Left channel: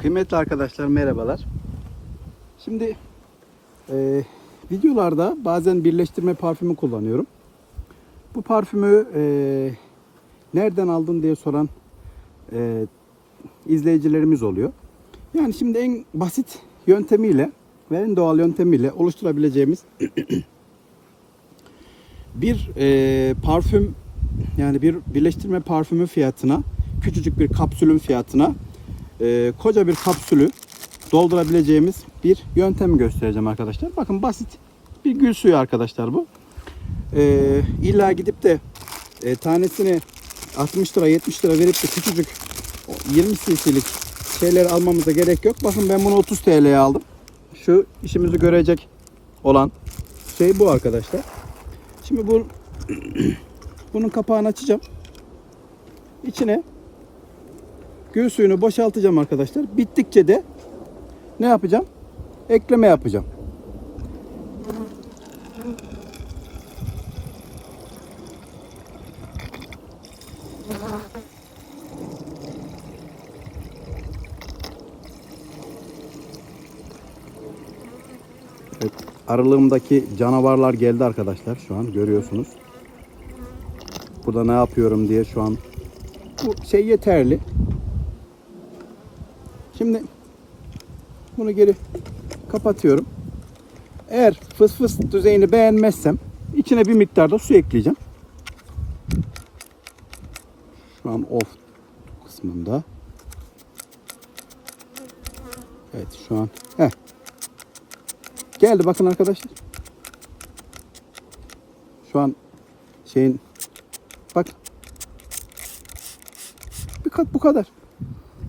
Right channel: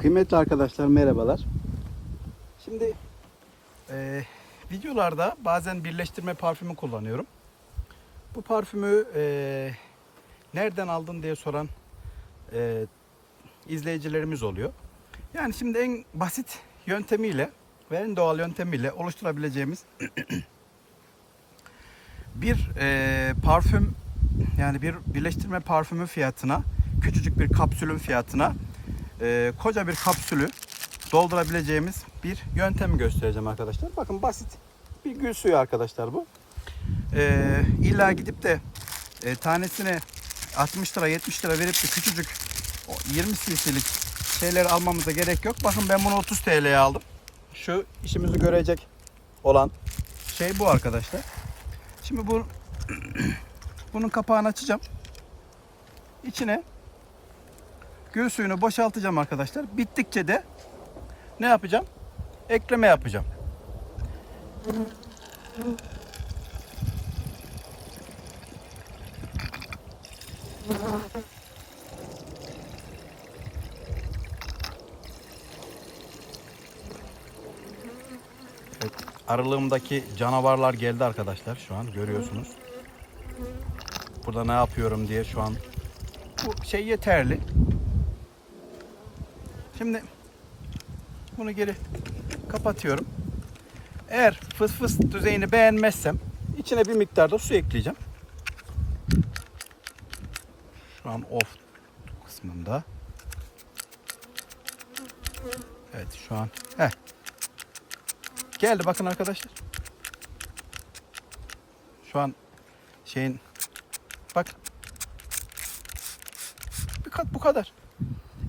Kıymetli arkadaşlar, merhabalar. Şimdi videolarda bazen birleştirme parfümü kullanıyorum. Bu parfümü nereden aldın diye soran izleyicilerimiz oluyor. Yani şimdi en basit yöntemiyle ve en doğal yöntemiyle oluşturabileceğimiz bir parfüm, yani bir birleştirme parfümü fiyatına, küçücük bir kapsülün fiyatına koca bir kapsülü doldurabileceğimiz bir yöntem göstereceğim arkadaşlar. Bakın, basit bir gül suyu arkadaşlar bu. İlla gidip de tanesini 60 lira 70 lira verip de küçücük 20 cc'lik şeyler almamıza gerek yok. Bakın, ben bunu 30 TL'ye aldım. Şu işimizi görecek olan şey bu arkadaşlar. Şimdi bunun kapağını açacağım. İçine gül suyunu boşaltacağım arkadaşlar. Bittikçe de ne yapacağım? Ekleme yapacağım. Evet, aralığımdaki canavarlar geldi arkadaşlar. Şu an görüyorsunuz. Burada ne yapıyorum diye şu an. Bu şey yeterli. Şimdi bunu geri kapatıyorum. Eğer fıs fıs düzeyini beğenmezsem içine bir miktar da su ekleyeceğim. Şu an off kısmında. Evet, şu an geldi, bakın arkadaşlar. Şu an şeyin, bak, bu kadar.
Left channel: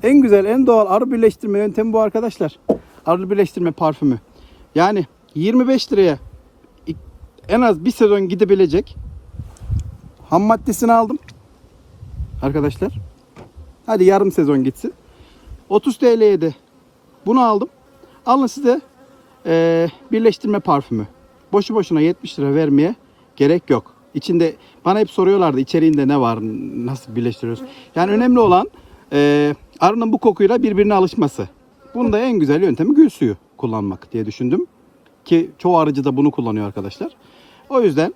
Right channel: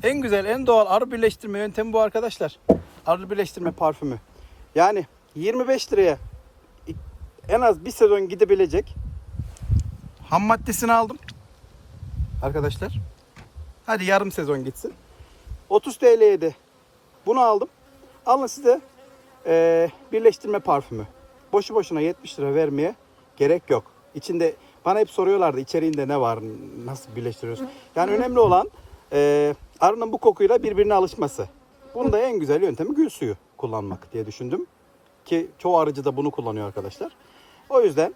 En güzel, en doğal arı birleştirme yöntemi bu arkadaşlar. Arı birleştirme parfümü. Yani 25 liraya en az bir sezon gidebilecek ham maddesini aldım arkadaşlar. Hadi yarım sezon gitsin. 30 TL'ye de bunu aldım. Alın size birleştirme parfümü. Boşu boşuna 70 lira vermeye gerek yok. İçinde bana hep soruyorlardı, içeriğinde ne var, nasıl birleştiriyoruz. Yani önemli olan arının bu kokuyla birbirine alışması. Bunun da en güzel yöntemi gül suyu kullanmak diye düşündüm. Ki çoğu arıcı da bunu kullanıyor arkadaşlar. O yüzden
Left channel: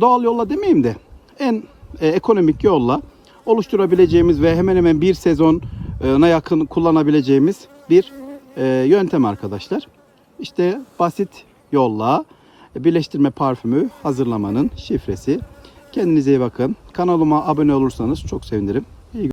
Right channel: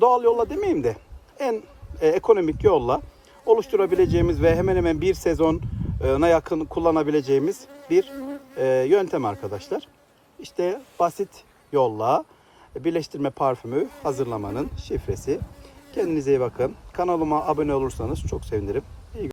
doğal yolla demeyeyim de en ekonomik yolla oluşturabileceğimiz ve hemen hemen bir sezona yakın kullanabileceğimiz bir yöntem arkadaşlar. İşte basit yolla birleştirme parfümü hazırlamanın şifresi. Kendinize iyi bakın. Kanalıma abone olursanız çok sevinirim.